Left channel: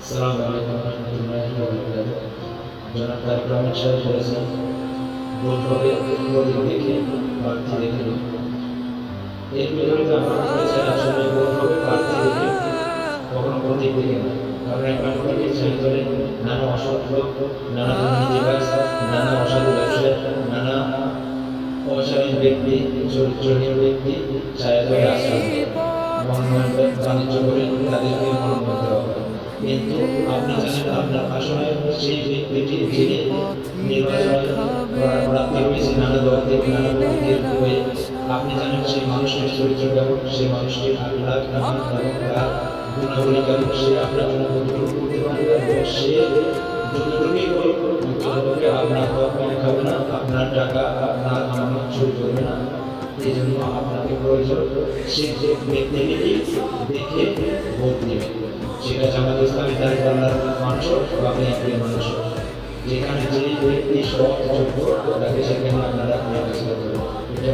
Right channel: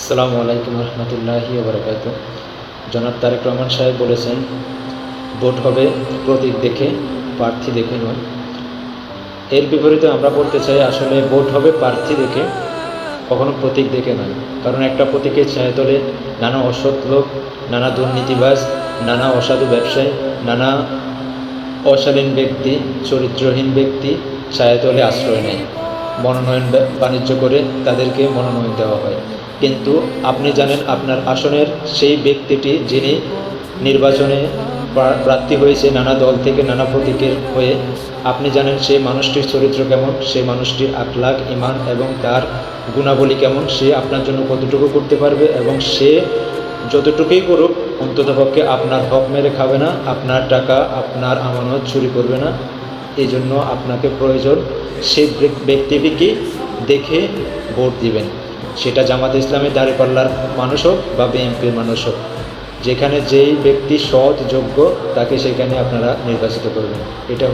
আসসালামু আলাইকুম রহমতুল্লাহি ওয়া বারাকাতুহু। জনাব তারেক রহমান সাহেব বলেছেন, ভোট হবে প্রতীক দেখে, প্রার্থী দেখে নয়। এর বিপরীতে আমরা বলতে চাই, আসলে ভোট হবে প্রার্থী দেখে, কখনো প্রতীক দেখে নয়। কারণ একটা প্রতীকের ছায়াতলে নানা অসৎ লোক, নানা দুর্নীতিবাজ, নানা অসাধু ব্যবসায়ী, নানা অশালীন ব্যক্তি, চরিত্রহীন ব্যক্তি ছায়াতলে আশ্রয় নেয়, মনোনয়ন বাণিজ্য করে তাদেরকে মনোনয়ন দেওয়া হয়। কিন্তু আপনি জানেন, আপনার আসনের সেই ব্যক্তিটি যিনি নির্বাচনে প্রার্থী হয়েছে নানা দল থেকে, নানা প্রতীকের হয়ে, আপনি জানেন সেই মানুষটির চরিত্র কেমন, সেই মানুষটির আখলাক, ঈমান এবং তার গুণাবলী কেমন, সে আপনার জন্য কতটুকু করতে পারবে, এবং সে যতটুকুই করুক অন্ততপক্ষে আপনার হক মেরে খাবে না, আপনার টাকা, আপনার আমানত চুরি করবে না। এই জন্য আপনাকে প্রয়োজন সেই ব্যক্তিটিকে দেখে ভোট দিবেন। সেটা জামাত ইসলামের দাঁড়িপাল্লার মানুষ হোক বা বিএনপির মানুষ হোক, যেখানে যেই ব্যক্তি সৎ, যোগ্য, তাকে সেখানে আপনারা নির্বাচিত করবেন। এটা